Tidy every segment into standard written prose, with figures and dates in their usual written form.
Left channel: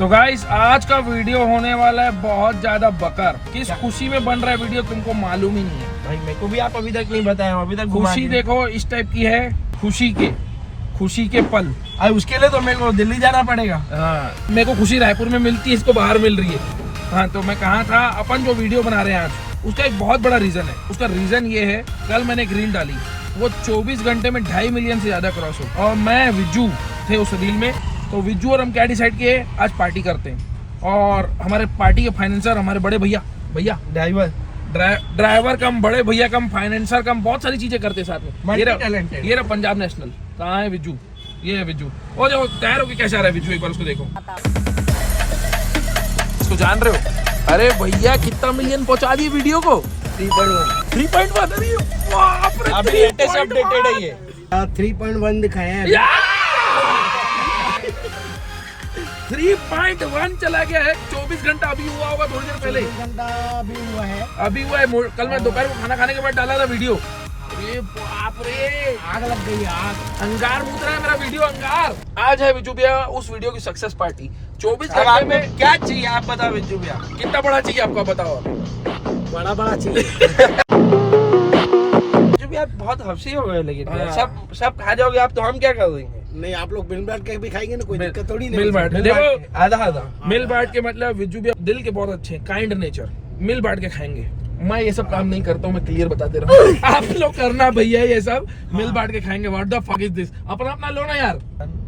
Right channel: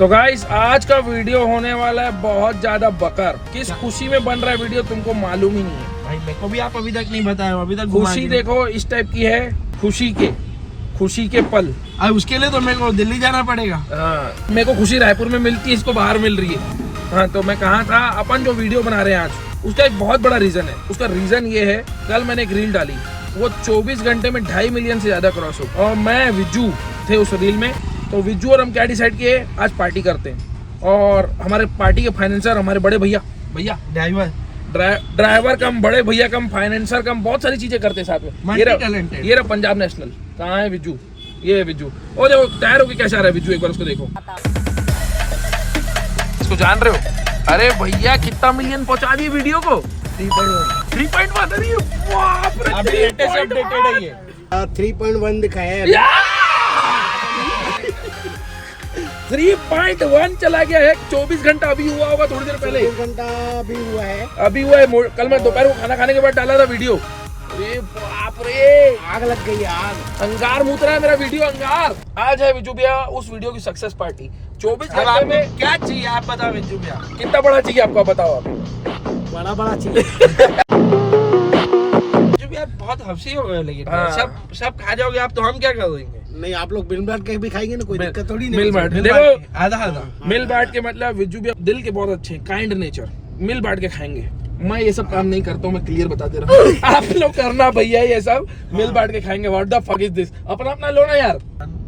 तो गाइस आज का वीडियो होने वाला है बहुत ज्यादा बकर। किस खुशी में बन रहा है वीडियो तुमको मालूम ही नहीं है भाई। मेरे को भी आप अभी तक नहीं बताया, अभी तक खुशी देखो इस टाइप की है, खुशी के पल। अब उसके लिए तो मेरे को दिल्ली जाना पड़ेगा। हाँ, मेरे को खुशी रायपुर में मिलती है, इसको बाहर मिल रही है। हाँ, तो मैं कहा था अपन जो वीडियो बना रहे हैं आज, उसका एक बहुत बड़ा रीजन है। उसका रीजन ये है, कल मैंने एक रील डाली, वो 24 घंटे में 2.5 मिलियन से ज्यादा क्रॉस हो, और मैं विज्जू थे उस रील में। तो विज्जू और हम क्या डिसाइड किए, आज पार्टी करते हैं। और हमारे पार्टी के फाइनेंसर हमारे बड़े भैया ड्राइवर कम, बड़े भैया कम, फाइनेंसर कम, बहुत सारी चीजें करते साथ में। ये रहा पंजाब नेशनल। कहाँ है विज्जू? ये है विज्जू। ओ देखो तैयार होके कैसा आ रहा है विज्जू, एक बार उसको देखो। इसको जान रहे हो? अरे भैया कितना मिलियन पहुंचा दिए वीडियो को। 3.1 अभी लेटेस्ट अपडेटेड है ये। 3.1 दिखाया है। 3.1 चला गया है। 24 घंटा अभी हुआ होगा, थोड़ी देर पहले। 24 घंटा अभी हुआ है। कल मैं दोपहर को खाना खाने के बाद डाला था वीडियो। अरे बाप रे, आग लग गई, आग। अंगार मुत रहा है मेरा वीडियो, अंगार। आज है विज्जू भैया उस वीडियो की सक्सेस पार्टी। 24 घंटे में क्या चाहिए आप बताओ विज्जू भैया। कितना बड़ा चाहिए आपको, बताओ आप। बड़ा चाहिए। बहुत हंसी हो गए, लेकिन हाँ। सब खा जाओगे आप, तो हम क्या करेंगे? नहीं, आप लोग मिल बांट के भी खाएंगे ना, कोई दिक्कत थोड़ी नहीं। मिल बांट देखो, आधा मिल बांट के मतलब विज्जू भैया दिल के बहुत अच्छे हैं, काइंड नेचर। मिल बांट के खाएंगे। मैं ये सब काम नहीं करता हूँ, मैं क्लियर बता दे रहा हूँ। आप लोग करना भैया ये सब, मिल बांट के खाएंगे। What the fuck is this? अपना लो ना यार।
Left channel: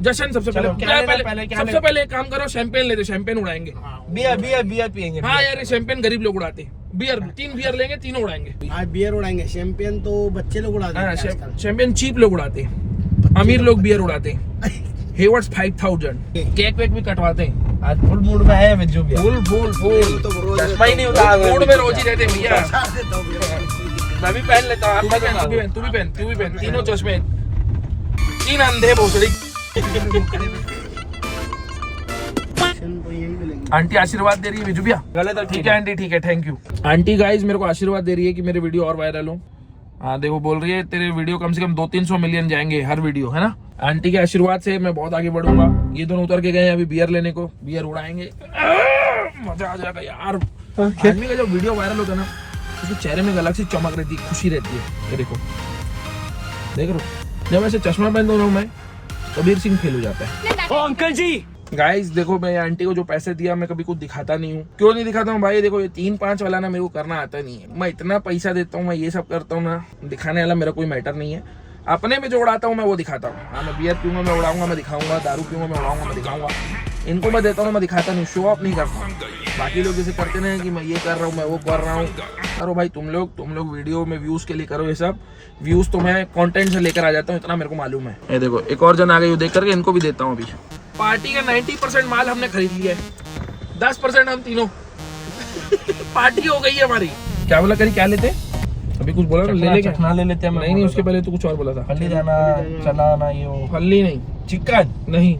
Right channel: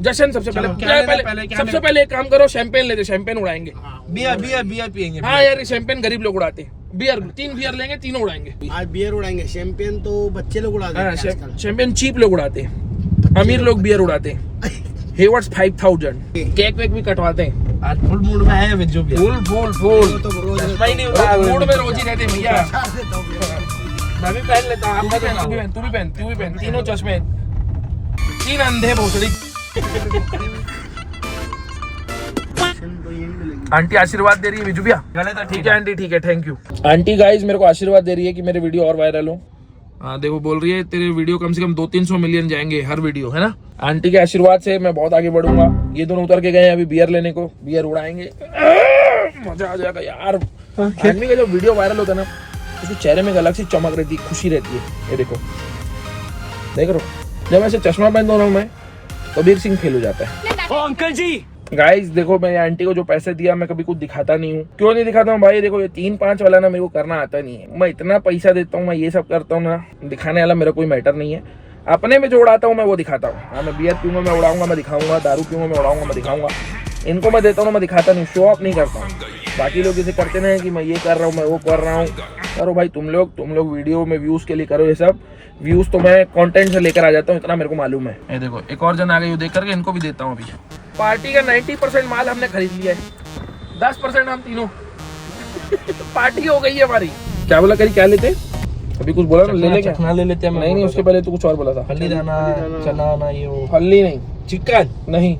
जशन सबसे सबसे पहले एक काम करो, शैंपेन ले दो, शैंपेन उड़ाएंगे। बियर पियेंगे। हाँ यार, ये शैंपेन गरीब लोग उड़ाते हैं। बियर 3 बियर लेंगे, तीनों उड़ाएंगे। आज बियर उड़ाएंगे, शैंपेन तो बच्चे लोग उड़ा हाँ, देते हैं। शैंपेन चीप लोग उड़ाते हैं, अमीर लोग बियर उड़ाते हैं। हेवर्ट्स 5000 केक वेक भी कटवाते हैं। आज फुल मूड में आया विज्जू भैया। फुल तो रोज मूड में रोज ही रहते हैं भैया। मैं भी पहन लेता हूँ, तू भी पहन। तीनों चश्मे, 3 अंधे भोसड़ी। आंटी आशीर्वाद दे रही है विज्जू भैया। गले तो ठीक है आंटी, ठीक है, थैंक यू। आंटी गाइस मेरे को आशीर्वाद दे रही है कि मेरे वीडियो और वायरल हो। हाँ देखो, बोल रही है तेरे वीडियो कम से कम 200-300 मिलियन जाएंगे हर वीडियो, है ना। आंटी के आशीर्वाद से मैं बहुत आगे बढ़ूंगा। ये दोनों उतर के गए हैं अभी बियर लेने को, बियर उड़ाएंगे, मजा आ जाएगा यार। आदमी का जब वीडियो वायरल होता है ना, उसके चेहरे में एक अलग सी चमक रहती है, खुशी रहती है। ये देखो, देख रहे हो, जब ऐसे चश्मा पहन रहा हूँ मैं, कबीर सिंह फेल हो जाता है। ओ अंकल जी, गाइस देखो, मैं आंटी को जो पैसे दिया, मैं कभी कुछ दिखाता नहीं हूँ। क्यों नहीं दिखाता हूँ भाई? देखो ये 3-5 वाला ना मेरे को करना आता नहीं है। मैं इतना पैसा देता हूँ, मैं ये सब करता हूँ ना, दिखाने वाला मेरा कोई मैटर नहीं है। अपने में जो उड़ाता हूँ मैं वो दिखाता हूँ। हाँ, मैं बियर पीऊंगा मैं उड़ाऊंगा, मैं दिखाऊंगा। दारू पीऊंगा मैं उड़ाऊंगा, मैं दिखाऊंगा। इनको मैं देता हूँ, मैं दिखाता नहीं, शो ऑफ नहीं करता। बाकी लोग जैसे करते ना कि मैं ये कर रहा हूँ, मैं वो कर रहा हूँ। करो भाई तुम लोग वीडियो में व्यूज के लिए करो ये सब। व्यूज तो मैं कंटेंट से लेकर आ जाता हूँ, इतना मेरे को मालूम है। ये देखो एक और जन आ गई, देख करके इनको भी देता हूँ। अभी पार्टी का 90% माल हमने खरीद लिया है, 10% हम तीनों। पार्टी हो गई है हमारी। क्या बोला करी, क्या लेते? अभी कुछ बोला ना, ले ले क्या? चखना ले लेते हैं। नहीं, उसके पहले तो कुछ और बोला था। हल्दी दाना, चना ना, ये वो हल्दी नहीं, चिकन नहीं,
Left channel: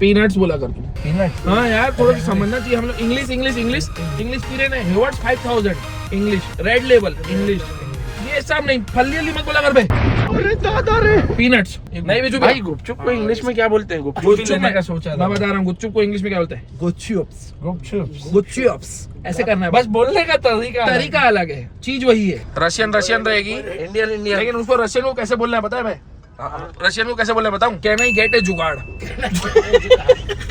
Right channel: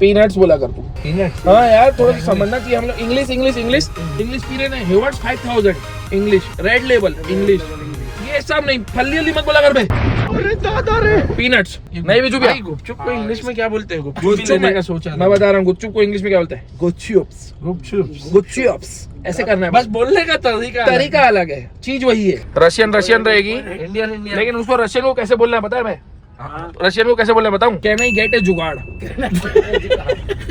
पीनट्स बोला कर तू। पीनट। हाँ यार, थोड़ा सा समझना चाहिए हम लोग। इंग्लिश पी रहे हैं। हेवर्ट्स 5000 इंग्लिश, रेड लेबल इंग्लिश, ये सब नहीं। फल्ली मत बोला कर बे। अरे दादा रे, पीनट्स नहीं विजू भैया। गुपचुप को इंग्लिश में क्या बोलते हैं? गुपचुप का सोचा मैं बता रहा हूँ, गुपचुप को इंग्लिश में क्या बोलते हैं? गुपचुप्स। ऐसे करना है, बस बोलने का तरीका अलग है, चीज वही है। रशियन रहेगी, इंडियन लेकिन उसको रशियन को कैसे बोलना है पता है? मैं रशियन को कैसे बोलना बताऊं? कैन आई गेट ए जुगाड़।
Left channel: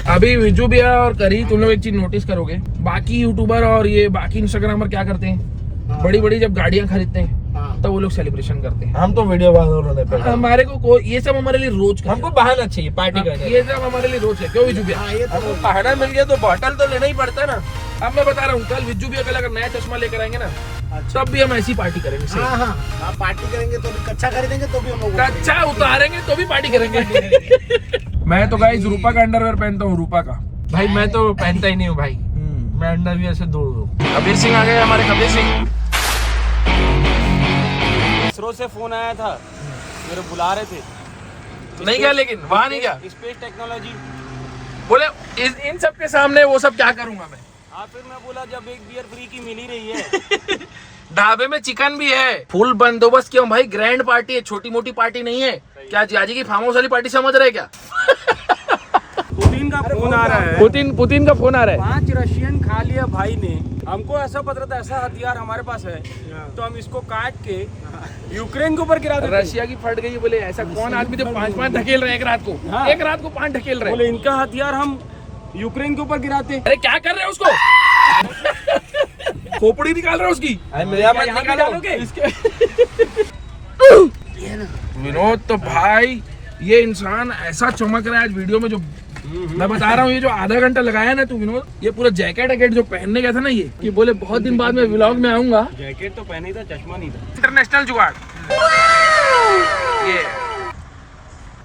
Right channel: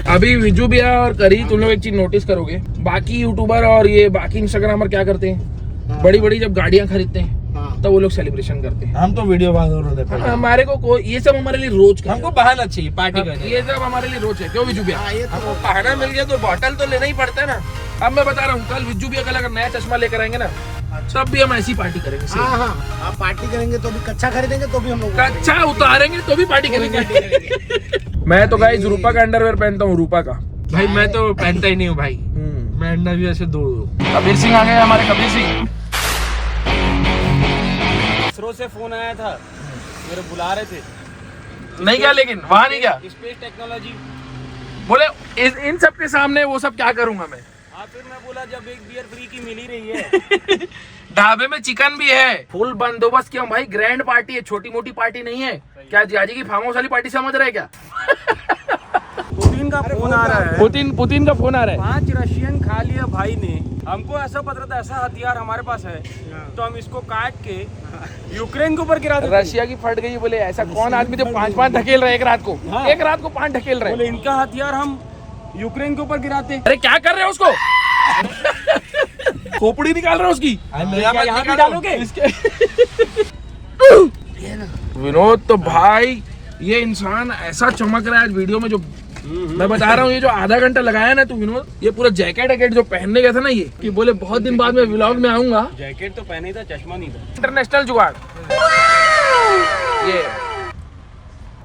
अभी विजू भैया और करी, तुम लोग एक चीज नोटिस करोगे, बाकी यूट्यूबर और ये बाकी इंस्टाग्रामर क्या करते हैं, बड़ी जब गाड़ियां खरीदते हैं तब वो लोग सेलिब्रेशन करते हैं। हम तो वीडियो बना, हमारे को ये सब हमारे लिए रोज का, हमको बहाना चाहिए पार्टी करने। ये सब हमारे लिए रोज है। क्यों विजू भैया? हमको बहाना मिल गया तो बॉटल तो लेना ही पड़ता है ना। अब मैं बता रहा हूँ, कल विजू भैया कल अगर नया चश्मा लेकर आएंगे ना, तब भी हम ऐसी पार्टी करेंगे। हाँ हाँ, आप पार्टी करेंगे तो भी, कच्चा खरीदेंगे तो भी हम लोग अच्छा उतारेंगे तो भी पार्टी करेंगे। मैं तो गाइस रूपा का अंडरवेयर पहनता हूँ, रूपा का। भाई मैं तो पहनता ही नहीं हूँ भाई, मैं अंडा भी ऐसे दूर हूँ। कबीर सिंह आ गए हमारे, कबीर सिंह। इसरो से फोन आया था, मेरे बुला रहे थे। नहीं क्या, लेकिन वहाँ नहीं क्या स्पेस टेक्नोलॉजी बोले। इन सब के सामने वो सब क्या करूंगा मैं? हाँ, फिर मैं बोला जब एक बियर फ्री की मिल ही रही है। ढाबे में चिकन भी है, फुल बंदोबस्त। क्यों भाई? ग्रैंड पार्टी है, छोटी मोटी पार्टी नहीं है। क्या जियाजी की फार्म हाउस वाली पार्टी समझ रहे क्या? 2-3 पुतिन का फोन आ रहा है। पुतिन का फोन आ रहा है। 5 रशियन खा लिया भाई ने। हमको ऐसा पता था ऐसा हथियार हमारे पास है तो हम इसको काट के यूक्रेन के ऊपर गिरा देते। रशिया की फट गई बोले, ऐसा कौन आदमी जो 5 ढकेल रहे एक रात को? हाँ। एक रात को 5 ढकेल रहे। बोले इनका हथियार हम यूक्रेन के ऊपर गिराते। अरे क्या कर रहे हो उसको? खोपड़ी निकाल रहे हो उसकी? यहाँ भी डालोगे? विनोद तो भाई ये इंसान ऐसा चमक रहा है आज वीडियो में, जो मैं बता रहा हूँ, ये जो आधा घंटा लगाया ना तू विनोद, ये पूरा जैकेट जो पहनने गया था ना, ये कि बोले बहुत दिन बाद मैं व्लॉग में आऊंगा। जैकेट तो पहने ही था, चश्मा नहीं था। इंटरनेशनल जुगाड़ ये।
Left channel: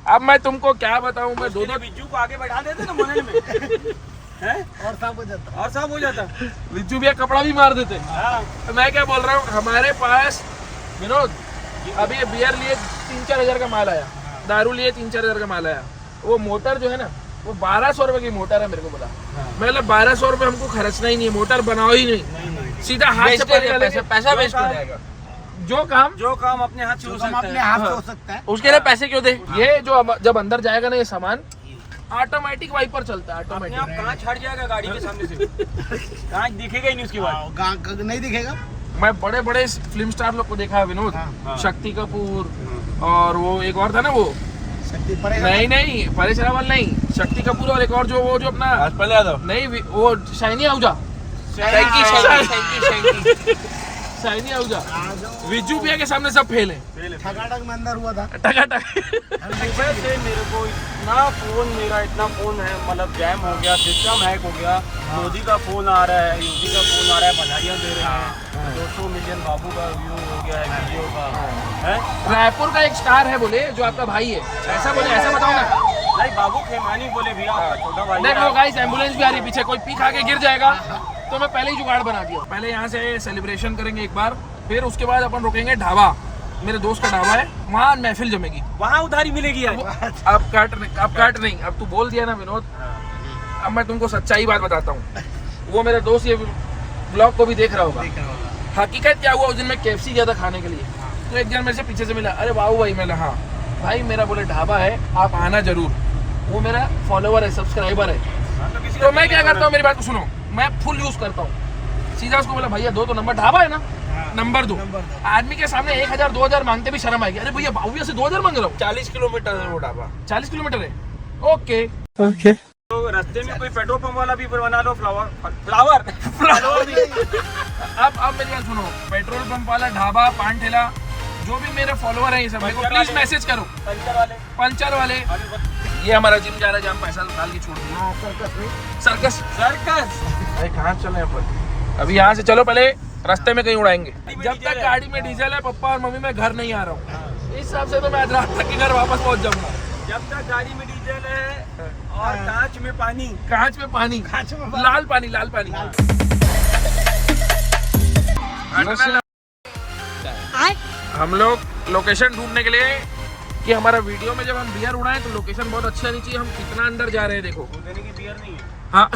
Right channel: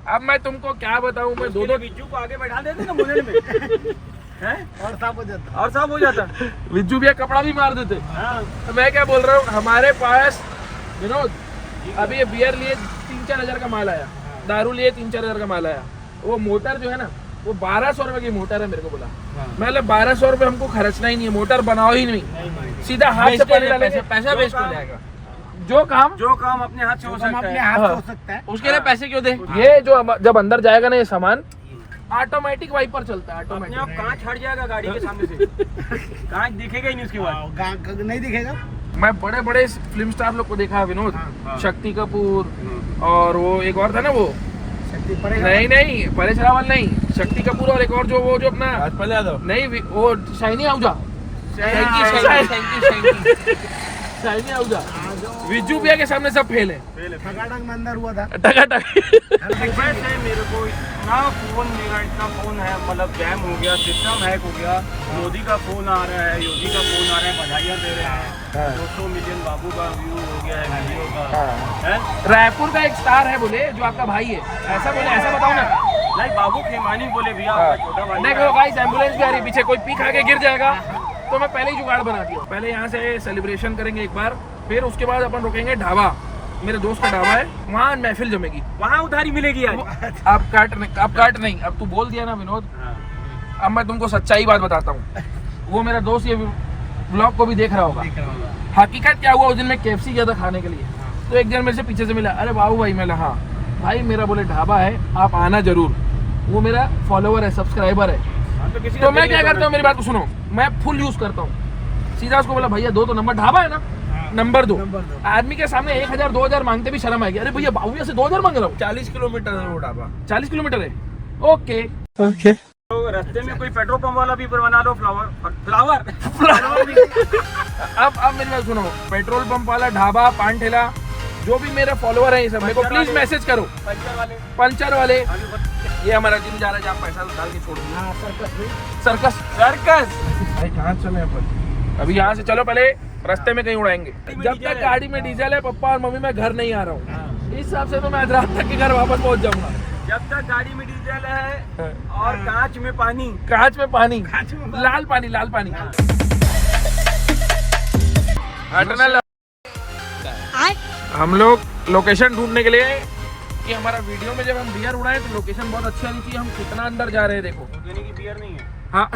अब मैं तुमको क्या बताऊं, मैं दो बिज्जू को आगे बैठा देते ना मोहल्ले में है? और साफ हो जाता विज्जू भैया कपड़ा भी मार देते। हाँ। तो मैं क्या बोल रहा हूँ, हमारे पास विनोद अभी ये बियर लिए 3-4 हजार का माल आया, दारू लिए 3-4 हजार का माल आया। वो मोटर जो है ना, वो 1200 रुपए की मोटर है। मेरे को बोला मैं 1200 रुपए हमको खर्चना ही नहीं है, मोटर बनाओ ही नहीं, सीधा हाथ से पानी डालेंगे, पैसा वेस्ट हो जाएगा। जो काम अपने हाथ से हो सकता है उसके लिए पैसे क्यों दे? ये जो जब अंदर जाएगा ना ये सामान, ऑटोमेटिक वाइपर चलता है, अपने आप ऑटोमेटिक। कांच हट जाएगा गाड़ी के सामने से। कांच दिखेगा ही नहीं उसके बाद। नहीं दिखेगा। मैं बड़े बड़े फिल्म स्टार लोग को देखा विनोद, शक्ति कपूर और वो एक और था ना, वो नहीं परेश रावल नहीं, शक्ति कपूर और एक और जो वो जो अपना नहीं वो शाइनी आहूजा, शाइनी आहूजा, विज्जू भैया के सामने सब फेल है। ठगाठग में अंदर हुआ था। सुबह से मेरे को इतना फोन है, मतलब जैम हो गया, सिस्टम हैक हो गया। मोदी का फोन आ रहा है, योगी का फोन आ रहा है, बधाइयाँ दे रहे हैं। 200 मिलियन बाबू का व्यू हो गया है वीडियो का है। रायपुर का एक स्टार है बोले, जो आपका भाई है, ऐसा बोले, ऐसा बताओ ना। नहीं, बाबू खेमानी बोले भैया आपका छोटा भाई। देखो गाइस, एम्बुलेंस भी आ रही है पीछे, कोई पी खा के गिर जाएगा तो मैं पहले ही जुगाड़ बना दिया। पहले यहाँ से सेलिब्रेशन करेंगे एक बार, फिर उसके बाद अपन रुकेंगे ढाबा, मेरे दोस्त का ढाबा है, वहाँ महफिल जमेगी, वहाँ उधारी मिलेगी आज। अब काट नहीं, अब तू बोल दिया ना विनोद, अब मैं तुमको सच्चाई बात बताता हूँ। वो मेरा दोस्त ये ब्लॉग को भी देख रहा होगा। हकीकत क्या हुआ, उस दिन मैं KFC गया था खाने के लिए, तो एक जन मेरे से पीछे से मिला, अरे बाबू भाई, मैं हाँ भाई, मेरा बोले ढाबा है, आप आना जरूर। वो मेरा फॉलोवर है, सब्सक्राइबर है। तो मैं क्या करता हूँ, मेरी बात को सुनो, मैं फुल यूज करता हूँ। सीधा उसको बोला, भैया दो तो नंबर, ढाबा है ना, नंबर 2। आदमी के सामने 1000 2000 मांगते भी शर्म आएगी। अरे भैया बाबू से 2000 मांग रहा हूँ। 40 किलोमीटर है वो ढाबा। 40 किलोमीटर है, ओके। तो रास्ते में कोई पेट्रोल पंप वाला भी बना लो, फ्लावर भी। अब मेरी बात सुनो, पेट्रोल पंप वाला, ढाबा, पान ठेला, जो भी मेरे फॉलोवर है, ये सब मेरे को प्लीज मैसेज करो। पंचर वाले, ये हमारा जिम जा रहा है, जहाँ पैसा डाल के छोड़ दिया। सर्कस भाई, कहाँ चले अपन? अभी यहाँ से चलो, पहले रास्ते में कहीं उड़ाएंगे। जब तक गाड़ी में डीजल है, पापा और मम्मी, मैं घर नहीं आ रहा हूँ। इस हिसाब से तो मैं आज रात तक के घर वापस पहुँच जाऊंगा। जब तक गाड़ी में डीजल है और कांच में पानी, लाल पानी। हम लोग लोकेशन ढूंढने के लिए कि हमारा वीडियो में जब हम बियर उड़ाए तो लोकेशन बहुत अच्छी आनी चाहिए। हम कितना अंदर जा रहे हैं, देखो। देने की बियर नहीं है। हाँ,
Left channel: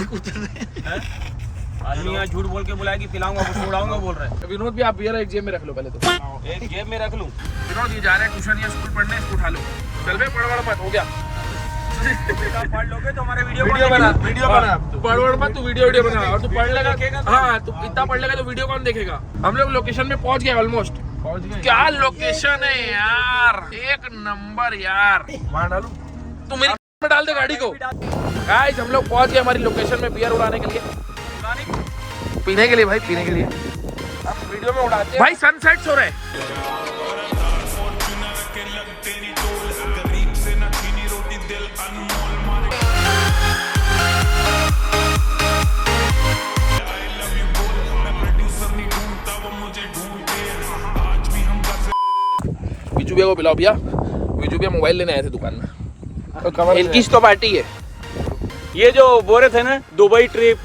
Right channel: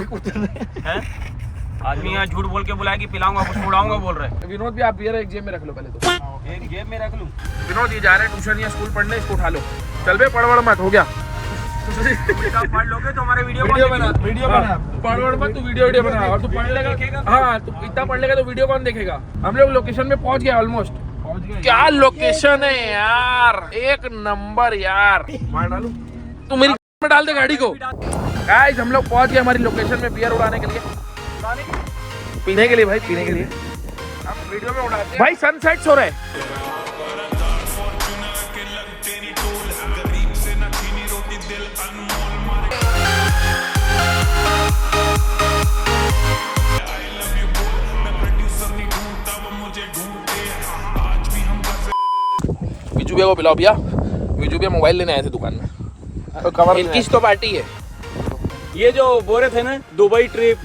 आदमी यहाँ झूठ बोल के बुलाया कि पिलाऊंगा, कुछ उड़ाऊंगा बोल रहे हैं। विनोद भी, आप बियर एक जेब में रख लो पहले तो। एक जेब में रख लूं। विनोद ये जा रहे हैं ट्यूशन या स्कूल पढ़ने, इसको उठा लो। चल बे, पढ़ मत, हो गया। पढ़ लोगे तो हमारे वीडियो बना, पढ़ मत, तू वीडियो बना, और तू पढ़ लेगा। हाँ, तू इतना पढ़ लेगा तो वीडियो कौन देखेगा। हम लोग लोकेशन में पहुंच गए, ऑलमोस्ट। क्या लोकेशन है यार, एक नंबर यार। तू मेरी में डाल दे गाड़ी को। गाइस, हम लोग पहुंच गए हमारी लोकेशन में बियर उड़ाने के लिए, पीने के लिए भाई, पीने के लिए। वीडियो में उड़ाते भाई, सनसेट हो रहा है। विजू भैया को पिलाओ भैया। विजू भैया मोबाइल लेने आए थे दुकान में, तो कवर इनकी तो पार्टी है। ये जो बोल रहे थे ना, दुबई ट्रिप,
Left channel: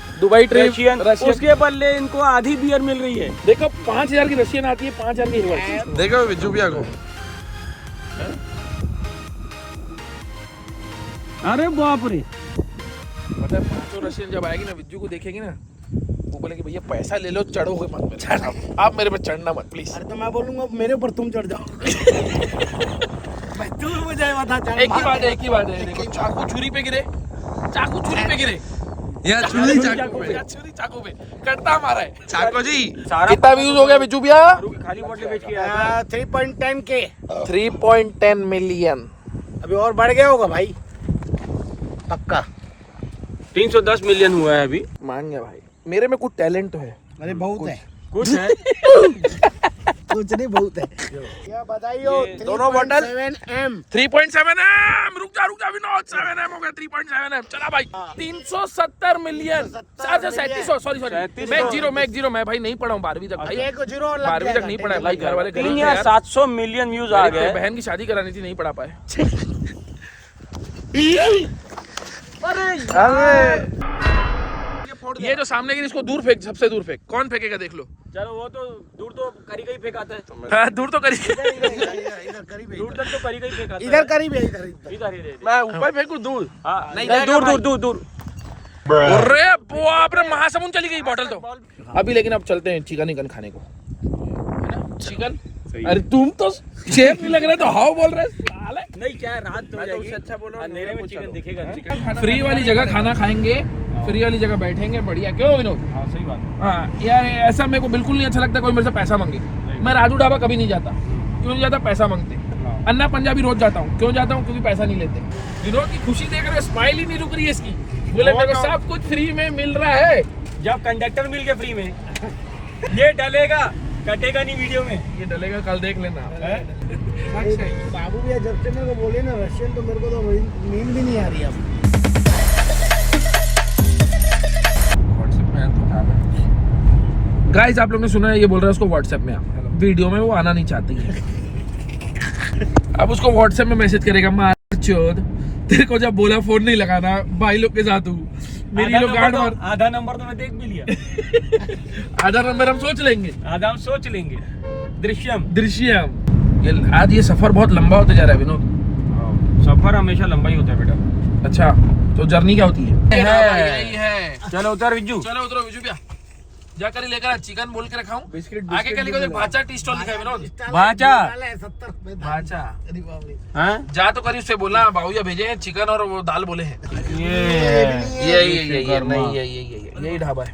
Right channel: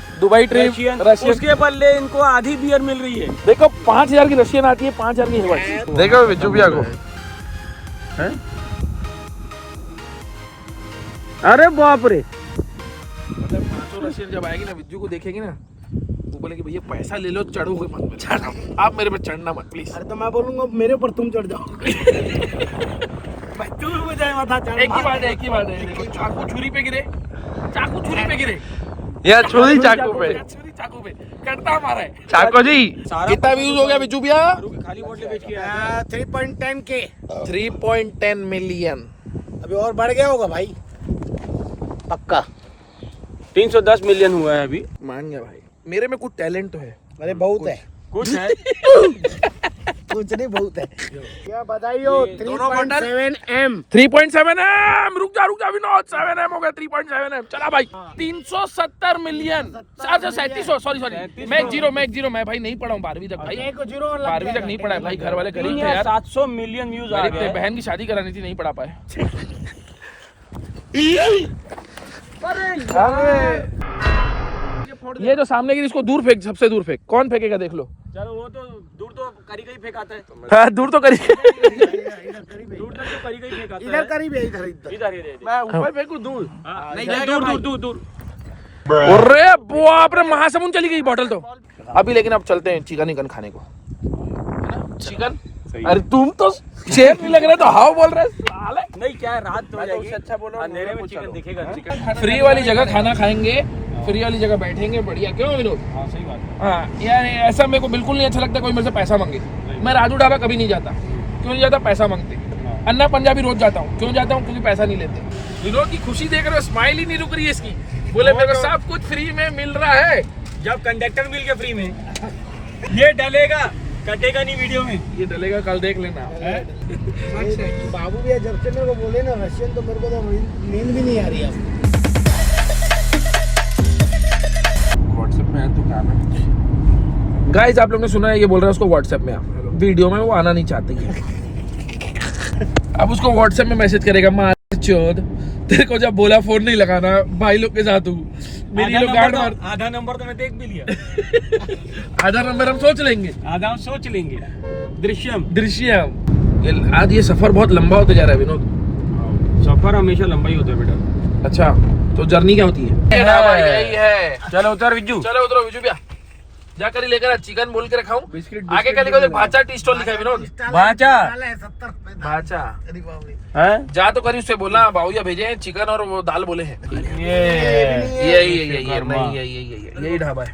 रशियन, उसके बदले इनको आधी बियर मिल रही है। देखो 5000 की रशियन आती है, 5000 की हिलवाती। देखो विजू भैया को, अरे बाप रे। मतलब तो रशियन जब आएगी ना, विजू को देखेगी ना, वो बोलेगी भैया पैसा ले लो, चढ़ोगे मत, आप मेरे पे चढ़ना मत प्लीज। अरे तो मैं बोलूंगा मेरे ऊपर तुम चढ़ जाओ। तू मुझे माथा चढ़। एक ही बात है, देखो चाकू छुरी पे गिरे चाकू छुरी पे गिरे, यार छुरी चाकू पे, छुरी चाकू पे कटता हमारा है। चाकू जी कितना व्यूज हो गया बिजू भैया? खाली बोतल बेच के 3.10 के 3.10 मिलियन। अभी और बढ़ गया होगा भाई पक्का। 310 मिलियन हुआ है अभी। मान गया भाई, मेरे में कुछ टैलेंट तो है। अरे बहुत है, कुछ है। कुछ नहीं बहुत है। क्या बताइयो, दोनों बंडल 3.7M 3.7M। रुक जा विनोद, 7M हो गया 3.7M। चला भाई 370 मिलियन। अच्छा 3700, सॉरी मैं एक जीरो मैं भाई नहीं पढ़ा हूँ 12वीं तक भाई, एक जीरो और लग 12वीं गया तक नहीं पढ़ा है भाई। घर वाले गरीब थे यार, 700 मिलियन व्यूज आ गरीब थे, गए। बहन की शादी करानी थी, नहीं पढ़ा पाए। ये जो सामने गिरी इसको दूर फेंक, सबसे दूर फेंक। कौन फेंकेगा देख लो। चलो वो तो दूर तो करी गई फेंकाता है। हाँ दूर तो करी, इधर करीब है, दूर तक तो करी गई फेंकाता है। इधर करीब है, इधर इधर ही दे दे। मैं ऊपर फेंकू दूर। हाँ, नहीं दूर, जाएगा दूर, दूर दूर। अरे बाप रे, महासमुंद चली गई बॉटल तो। अभी लेकिन अब चलते हैं चिकन खाने को। चिकन, अरे तुम तो शेफ नहीं लग रहे, तो हाउ बोल रहे साले। नहीं क्या है, रात तो हो जाएगी। अच्छा बोलो, अंधेरे में चिकन दिखेगा। चिकन फ्री वाली जगह खाना खाएंगे, फ्री वाली जगह बैठेंगे, बढ़िया। क्यों विनोद? हाँ सही बात है। हाँ यार ऐसा मेरे को बिल्कुल नहीं अच्छा लगता कोई मेरे से पैसा मांगे। मैं राजू ढाबा कभी नहीं जाता। क्यों नहीं जाता? पैसा मांगते। अन्ना पंजाबी रोज जाता हूँ। क्यों जाता हूँ? क्योंकि पैसा नहीं लेते। विनोद की खुशी देख रहे हो, स्माइल ही नहीं रुक रही है इसकी। बोले मेरे को सब कुछ फ्री में मिल रहा है। जब कंडक्टर मिल गया फ्री में, ये डलेगा, कटेगा नहीं वीडियो में। ये डलेगा, कल देख लेना। बाबू भैया जब से मेरे को बोले ना रशियन, तो मेरे को तो नींद भी नहीं आ रही अब। गाइस आप लोग ने सुना है, ये बोल रहे हैं उसको व्हाट्सएप में आ। वीडियो में वो आना नहीं चाहती है। अब उसको व्हाट्सएप में मैसेज करेगा, मार चोद, तेरे को जब बोला फोन नहीं लगाना भाई लोग के साथ हूँ, मेरी लोग गांड मार। आधा नंबर तो मैं देख भी लिया। आधा नंबर हम सोच लेंगे, आधा हम सोच लेंगे। दृश्यम दृश्यम। आज ये सफर बहुत लंबा होता जा रहा है विनोद। सफर हमेशा लंबा ही होता है बेटा। अच्छा तो जर्नी क्या होती है? भाई यही है। चलो उतर विजू। चलो उतरो विजू भैया, जाकर ही लेकर चिकन बोल के रखाऊं। बिस्किट आगे क्या लिखा? भाचा टी स्टॉल लिखा है विनोद। भाचा 70 रुपए। भाचा अरे बाप रे। हाँ? जा तो करी उससे बोलना बाबूया भेजे हैं चिकन और वो दाल बोले हैं। ये यही ढाबा है।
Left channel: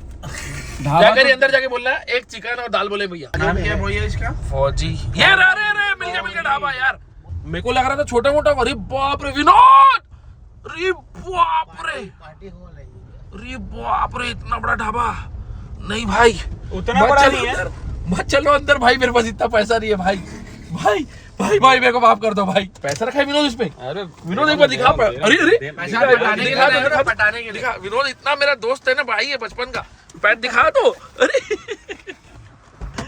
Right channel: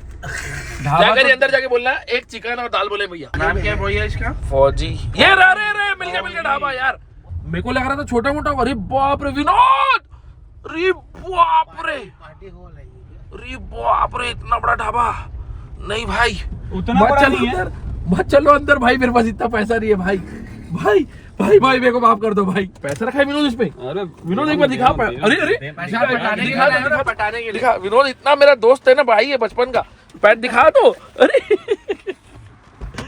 जाकर अंदर जाके बोलना एक चिकन और दाल बोले भैया। नाम क्या है भैया इसका? फौजी। ये रे मिल गया ढाबा यार। मेरे को लग रहा था छोटा मोटा। अरे बाप रे विनोद, अरे बाप रे, अरे बाप रे, इतना बड़ा ढाबा नहीं भाई। मत चलो अंदर भाई, मेरे पास इतना पैसा नहीं है भाई। भाई मेरे को माफ कर दो भाई। पैसा रखा है विनोद इसमें। अरे विनोद एक बार दिखा। अरे दिखा विनोद, इतना मेरा दोस्त है ना भाई, है बचपन का। पैर दिखा दो। अरे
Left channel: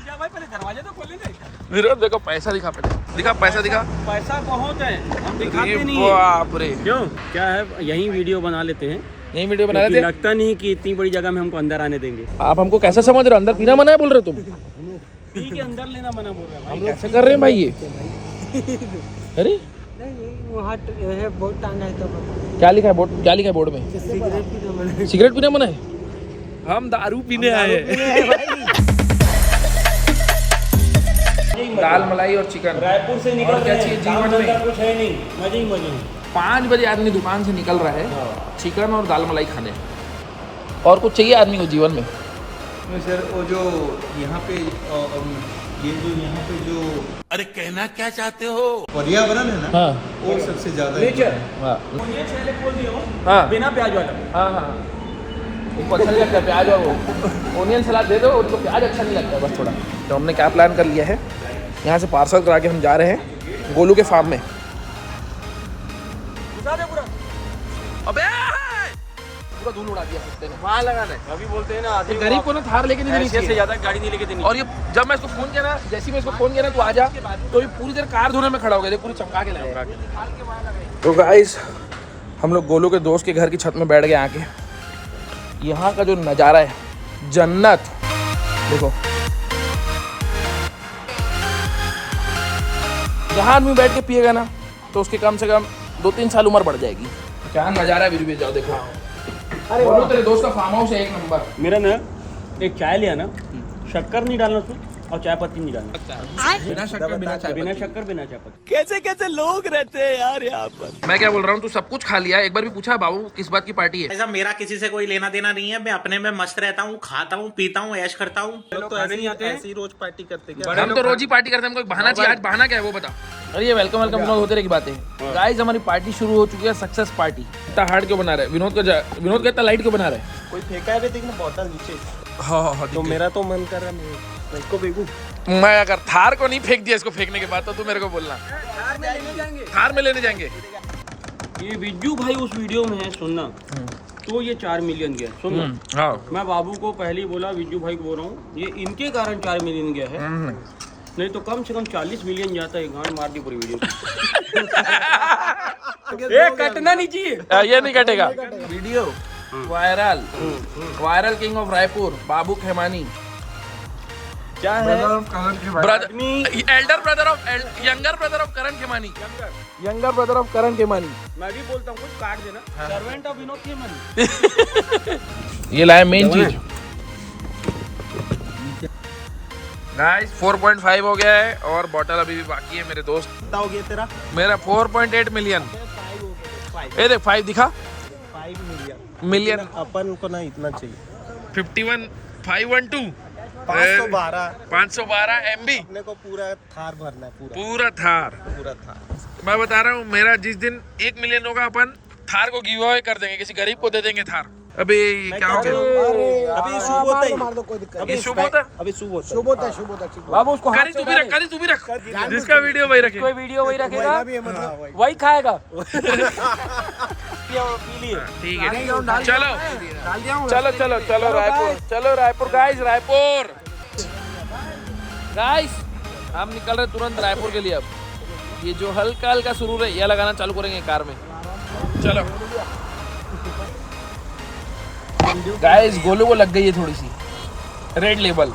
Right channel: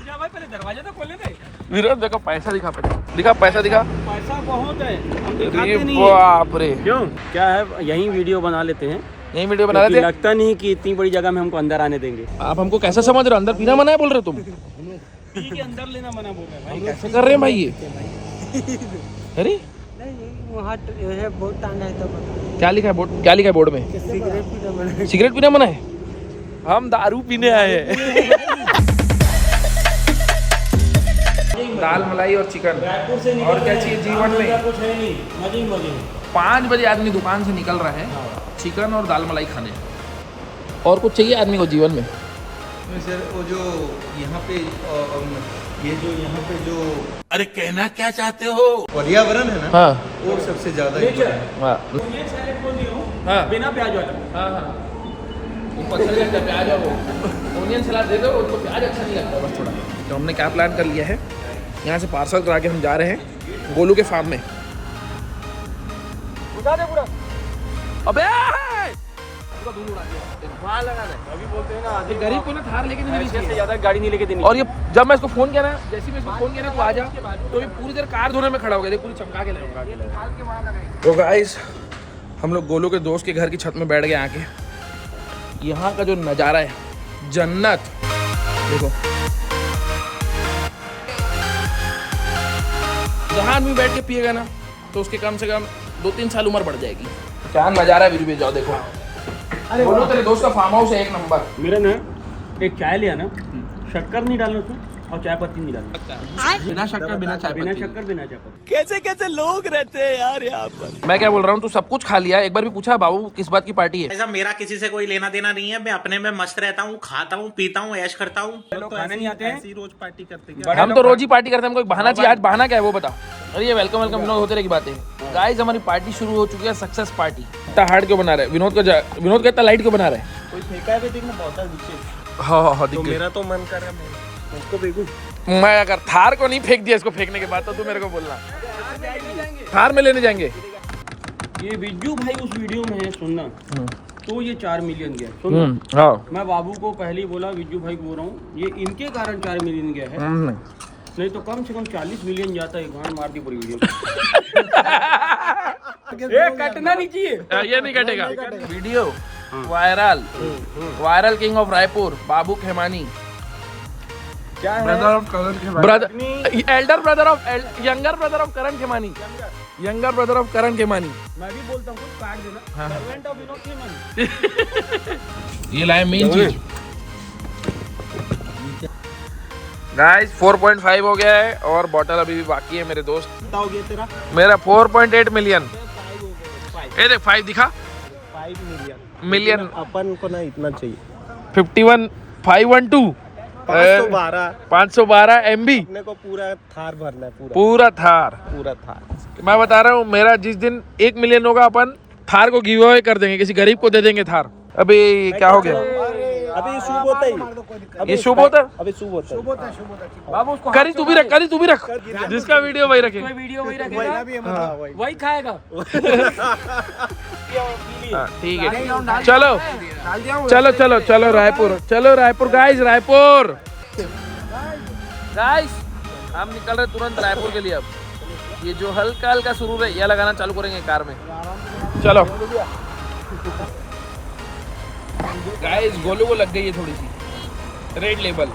भाई पहले दरवाजे तो खोले ना। विनोद देखो पैसा दिखा, दिखा पैसा दिखा। पैसा बहुत है, हम दिखाते अरे नहीं है। बाप रे, क्यों क्या है, यहीं वीडियो बना लेते हैं। यही वीडियो बना रहे थे। लगता नहीं कि इतनी बड़ी जगह में हमको अंदर आने देंगे। आप हमको कैसा समझ रहे हो? अंदर पीना मना है बोल रहे हो तुम? पी के अंदर लेना मना बोल रहा है भाई। कैसे कर रहे हैं भाई ये? अरे वहाँ बोर्ड टांगा है तो क्या लिखा है बोर्ड? क्या लिखा है बोर्ड में? सिगरेट पीना मना है। हम दारू पीने आए हैं। दाल मलाई और चिकन और क्या चाहिए जीवन में? कुछ है नहीं, मजे ही मजे। 5 बजे आदमी दुकान से निकल रहा है चिकन और दाल मलाई खाने। और कुछ चाहिए आदमी को जीवन में? सर वो जो यहाँ पे ये जो यहाँ पे जो अरे कहना क्या चाहते हो? पर्यावरण है ना, हाँ वो सबसे ज्यादा हाँ ये छेले खोल दिया हूँ हाँ बिना प्याज वाला। हाँ ऊपर से लगता है प्याज और वो ओनियन सलाद दे दो, और तो प्याज अच्छा नहीं लगता बस थोड़ा। तो हमने क्या प्लान कर लिया है, यहाँ से पार्सल करा के हम जा रहे हैं गोलू के फार्म में। अबे पूरा धूल उड़ा दिया कुत्ते ने। वहाँ लगाना है, अभी बोलते हैं ना। ये गरीब को ना थार लेके नहीं देनी ऐसे से चाहिए। ज्यादा गाड़ी नहीं लेके देनी। और ये जब मैं इसको फोन किया ना, जैसे ही मैं इसको फोन किया ना तू आ जा, तो ये पूरी देर कार धोने में खड़ा हो गया। देख पूरी चमका के लाएगा। तो गाइस हम लोग गोलू के दोस्त के घर की छत में बैठ गए आके। यहाँ का जो नज़ारा है जन्नत। देखो जहाँ आदमी बैठ के पिएगा ना तो उसके कम से कम 2-3 साल उम्र बढ़ जाएगी। क्या नज़ारा है वीडियो में, जाओ देखो। बोलो तेरे दोस्त का फार्म हाउस है एक नंबर। मेरा ना एक चाय लिया ना, शक्कर नहीं डालना उसमें, और चाय पत्ती नहीं डालना, बिना शक्कर बिना चाय बिना पत्ती। शक्कर बिना चाय पत्ती। मैं क्या बोल रहा हूँ, तू सब कुछ खा लिया, एक बार भी पूछा बाबू किस बात की पार्टी है? ऐसा मेरा किसी से कोई लेना देना नहीं है, मैं अपने में मस्त रहता हूँ, खाता हूँ, पीता हूँ, ऐश करता हूँ। तो ऐसे नहीं आते हैं, ऐसी रोज पार्टी करते क्या? हम तो रोज ही पार्टी करते हैं, हमको एक बहाना चाहिए। आज बहाना क्या है वो बता। अरे ये वेलकम वेलकम विनोद होते रहेगी बातें। गाइस हमारी पार्टी शुरू हो चुकी है, सक्सेस पार्टी। इतना हार्ड क्यों बना रहे हैं विनोद का इतना लाइट क्यों बना रहे हैं? कोई फेंका है देखना बोतल नीचे। हाँ दिख गई। मेरा तो मन कर रहा है उसको फेंकूं। मैं अगर थार को नहीं फेंक दिया इसको फेंकने के बाद तो तू मेरे को बोलना थार में लेने जाएंगे। ये विज्जू भाई उस वीडियो में है, सुनना तो ये 4 मिलियन गया। सुन, हाँ मैं बाबू को पहले ही बोला, विज्जू भाई को बोल रहा हूँ, ये इनके कारण 4 मिलियन गया है, नहीं तो कम से कम 40 मिलियन जाता है। गांड मार दी पूरी वीडियो। ये कटना नहीं चाहिए। ये नहीं कटेगा। Video viral king of Raipur Babu Khemani, क्या है? Elder brother of younger brother of Karan Khemani, younger brother of Karan Khemani. मैं भी बोलता हूँ काट देना। Servant of Vinod Khemani. ये लाया मेन चीज। गाइस 4.5 हो गया है और बॉटल अभी भी बाकी है मेरे दोस्त। कितना हो गया तेरा? मेरा 4.8 मिलियन। 5 हो गया। ये देख 5 दिखा 5 मिलियन। अपन को ना इतना चाहिए। 51 512 512 MB अपने को पूरा थार भरना, पूरा थार। थार। मैं बता रहा हूँ मेरा जिस दिन 1 मिलियन होगा अपन थार को गिव अवे कर देंगे, किसी गरीब को दे देंगे थार। अभी क्या हो गया? अभी शुभ होता ही। ये शुभ होता? अभी शुभ होता है। बाबू उसको करी तू भी रख जिसका वीडियो वही रखे। कोई वीडियो वही रखेगा, हाँ। वही खाएगा। हाँ, ठीक है चलो रायपुर गाइस हम निकल रहे तुरंत रायपुर के लिए। अब ये जो हल्का हल्का शुरू है ये लगाना चालू करेंगे कार में। चलो गाइस गोलू को लग गई है थोड़ी सी रेड लेबल।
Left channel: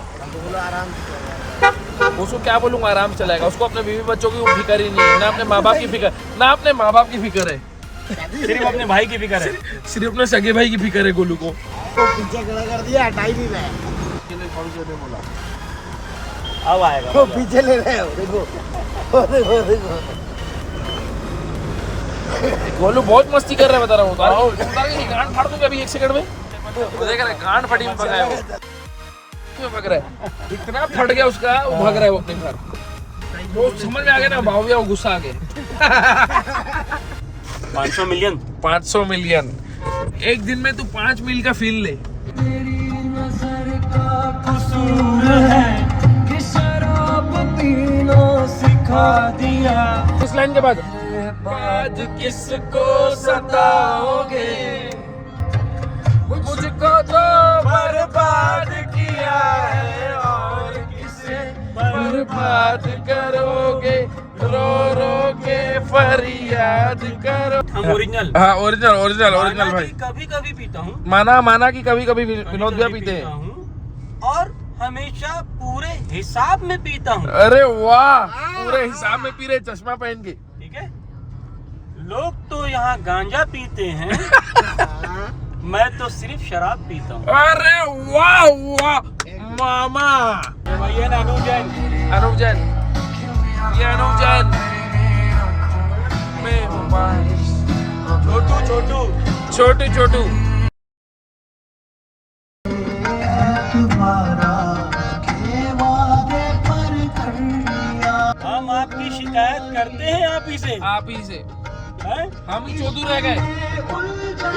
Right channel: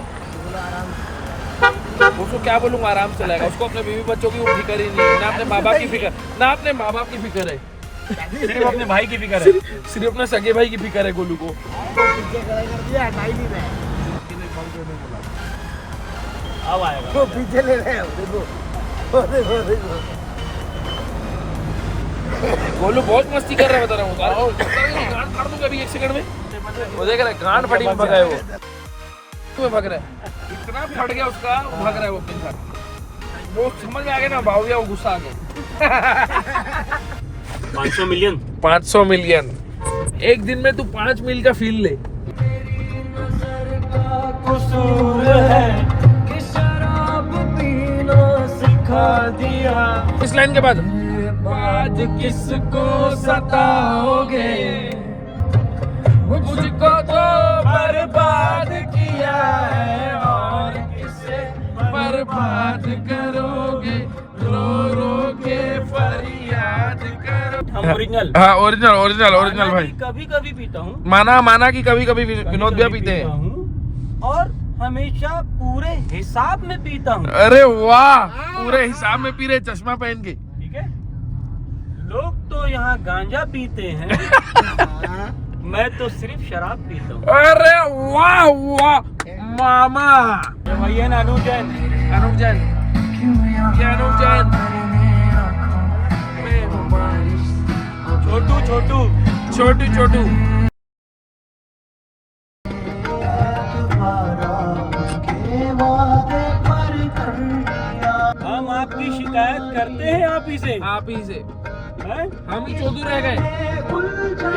उसको क्या बोलूंगा, आराम चलाएगा। उसको अपने बीवी बच्चों की फिक्र ही नहीं है, ना अपने माँ बाप की फिक्र, ना अपने माँ बाप की फिक्र है, सिर्फ अपने भाई की फिक्र है। सिर्फ अपने सगे भाई की फिक्र है गोलू को। तो पीछे खड़ा कर दिया, हटाई भी मैं। अब आएगा तो पीछे ले रहे हो। गोलू बहुत मस्ती कर रहा है बता रहा हूँ। गांड फाड़ दूंगा अभी 1 सेकंड में। वो देख रहा है गांड फटी में भगा है वो। तुम्हें भग रहा है, इतना फट गया उसका, वो भग रहा है वो अपने घर। वो समझ में आ गया ना बाबू, वो गुस्सा आ गया। 500 मिलियन 500 मिलियन एक दिन में तू 5 मील का फील ले। इस लाइन के बाद आज किसको सताओगे, मुझको तो बर्बाद किया है और किसे बर्बाद करोगे, रो रो के फरियाद करो। हम ओरिजिनल। हाँ ओरिजिनल भाई। कभी कभी पीता हूँ, माना की कभी विनोद भी पीते हैं। और हमेशा पूरे हिसाब में पीता हूँ। अरे वाह, पूरे हिसाब में पी रहे चश्मा पहन के। ठीक है, लोग तो यहाँ गांजा पीते हैं, मैं तो सिर्फ शराब पीता हूँ। अरे वाह मामा। भैया अनूप जैन ये अनूप जैन छोटू हम आपकी शिकायत करते हैं आप ही से हैं? हम ही चौधू रह गए।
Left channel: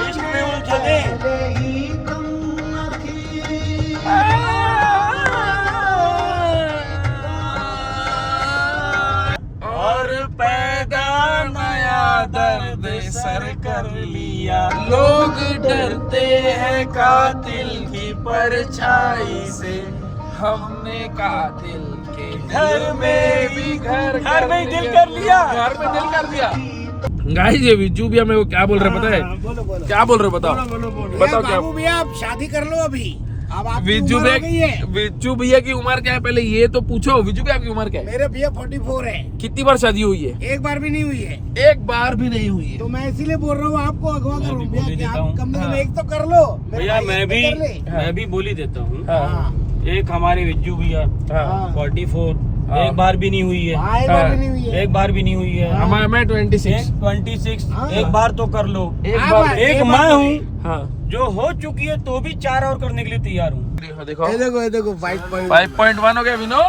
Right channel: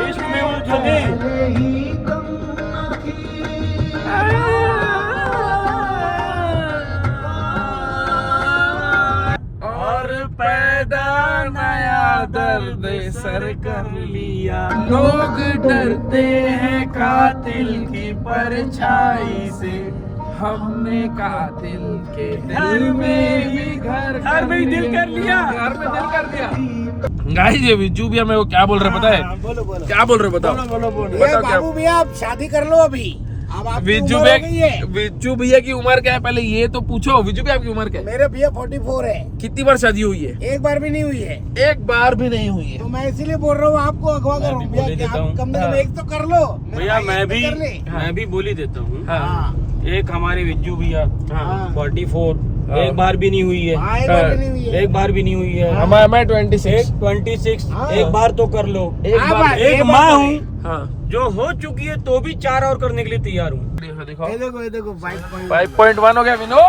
इश्क में उलझे थे। और पैदा नया दर्द सर कर लिया, लोग डरते हैं कातिल की परछाई से, हमने कातिल के दिल में भी घर में ही दिल कर लिया। गाइस ये विज्जू भैया मेरे को क्या बोल रहे पता है? बोलो क्या बोल रहे बताओ? भैया, बाबू भैया आप शादी कर लो अभी। अब आप विज्जू भैया की उम्र क्या है पहले ये तो पूछो। विज्जू भैया आपकी उम्र क्या है? मेरे भैया 44 है। कितनी बार शादी हुई है? एक बार भी नहीं हुई है। एक बार भी नहीं हुई है। तो मैं इसीलिए बोल रहा हूँ आपको अगवा करो भैया, आप कम से कम एक तो कर लो। भैया मैं कर ले। भी बोली देता हूँ। हाँ। एक हमारे विज्जू भैया हाँ 44 हाँ। एक बार भी नहीं हुई है, हाँ, एक बार भी नहीं हुई है। एक बार भी नहीं हुई है। मैं 26 एक 26 हाँ। एक बार तो कर लो। एक हाँ, बार भाई। एक एक मैं बार हूँ हाँ जो हो चुकी है तो भी 4 और करने के लिए तैयार हूँ। देखो ये देखो 5.1 5.1 हो गया विनोद।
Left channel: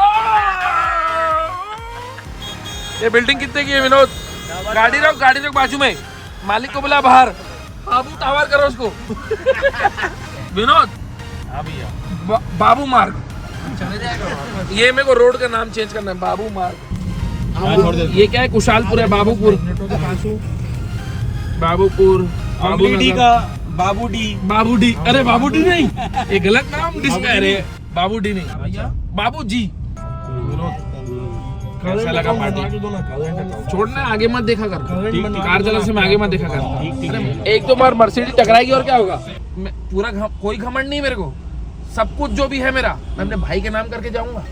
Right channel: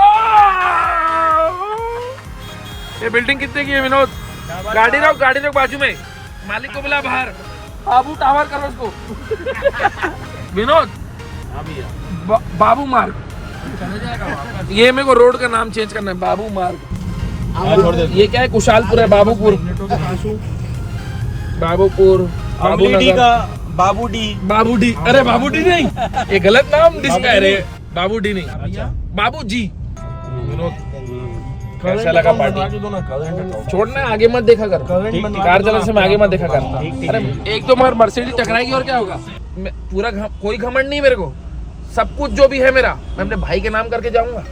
ये बिल्डिंग कितने की है विनोद? गाड़ी रोक बाजू में, मालिक को बुला बाहर, बाबू टावर करो उसको। विनोद बाबू मार्ग, ये मेरे को रोड का नाम चेंज करना है, बाबू मार्ग। ये क्या है? कुशालपुर है, बाबूपुर बाबू डी नगर का बाबू डी। अरे बाबू डी नहीं, ये गलत नाम जिसका है रे। बाबू डी नहीं, बाबू जी। कैसा लगा पार्टी? छोड़ना, आगे मत देखा कर, कार चलाने से मैं आगे मत देखा कर। अरे एक तो मार मर्सिडीज टकराएगी और क्या होगा? पूरा कोई घमंड नहीं मेरे को, सब कुछ जो भी है मेरा मैं अपने भाई के नाम करके जाऊंगा।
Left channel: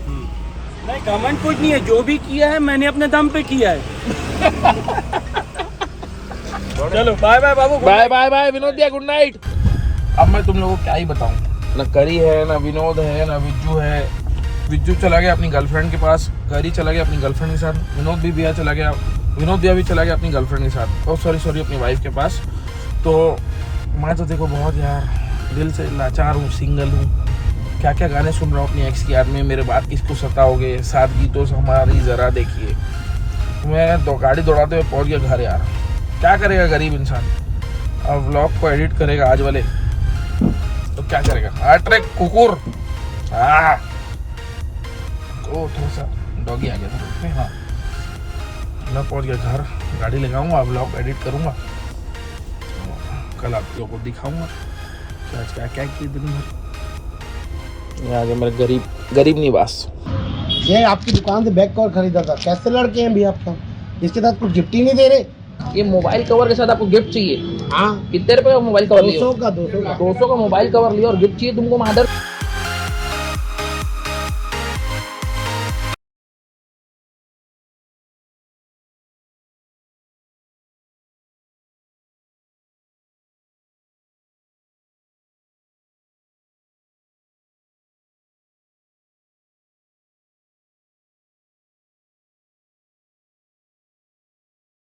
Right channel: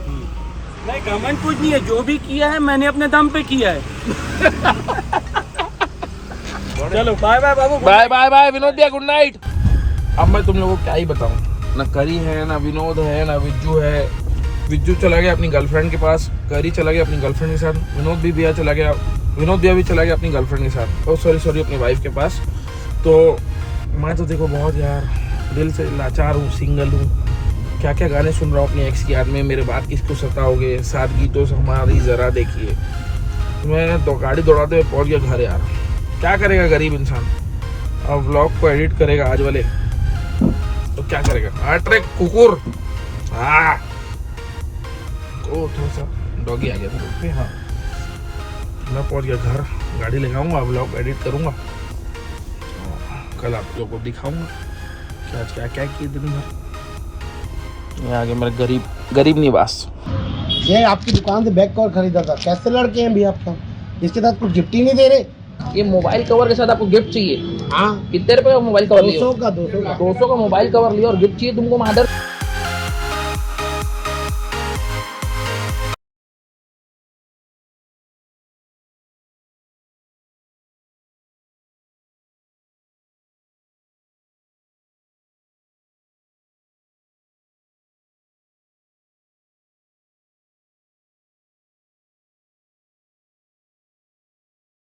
नहीं कमेंट कुछ नहीं है, जो भी किया है मैंने अपने दम पे किया है। चलो बाय बाय बाबू। बाय विनोद भैया, गुड नाइट। अब मैं तुम लोगों को क्या ही बताऊं, ना करी है, ना विनोद है, ना विज्जू है। विज्जू चला गया अपनी गर्लफ्रेंड के पास, करी चला गया अपनी गर्लफ्रेंड के साथ, विनोद भैया चला गया अपनी गर्लफ्रेंड के साथ, और सॉरी अपनी वाइफ के पास। तो मैं तो देखो बहुत यार दिल से लाचार हूँ, सिंगल हूँ। क्या क्या गाने सुन रहा हूँ अपनी एक्स की याद में, मेरे बात किसको सताओगे, 7 गीतों से हमारी जरा देखिए। मैं तो गाड़ी दौड़ाते हुए पहुँच गया घर यार। क्या करेगा गरीब इंसान, अब व्लॉग को एडिट करेगा आज वाले, तो क्या करेगा? अरे कुकुर, ओ थोड़ा सा डॉगी आ गया था। हाँ मैं पहुंच गया घर, गाड़ी लगाऊंगा, व्लॉग एडिट करूंगा, कल आप लोगों को दिखाऊंगा क्या क्या किए दिन भर। ये आगे मेरे गरीब निवास। ये आपकी दुकान से बैग कवर खरीदा था, कैसे लड़के हैं भैया आपका? इसके साथ कुछ गिफ्ट ही नहीं दे रहे। ये मोबाइल कवर के साथ आपको गिफ्ट चाहिए? हाँ कितने रुपए का मोबाइल कवर लिया? 200 का 200 का 200 का मोबाइल कवर लिया और गिफ्ट चाहिए तुमको? मादर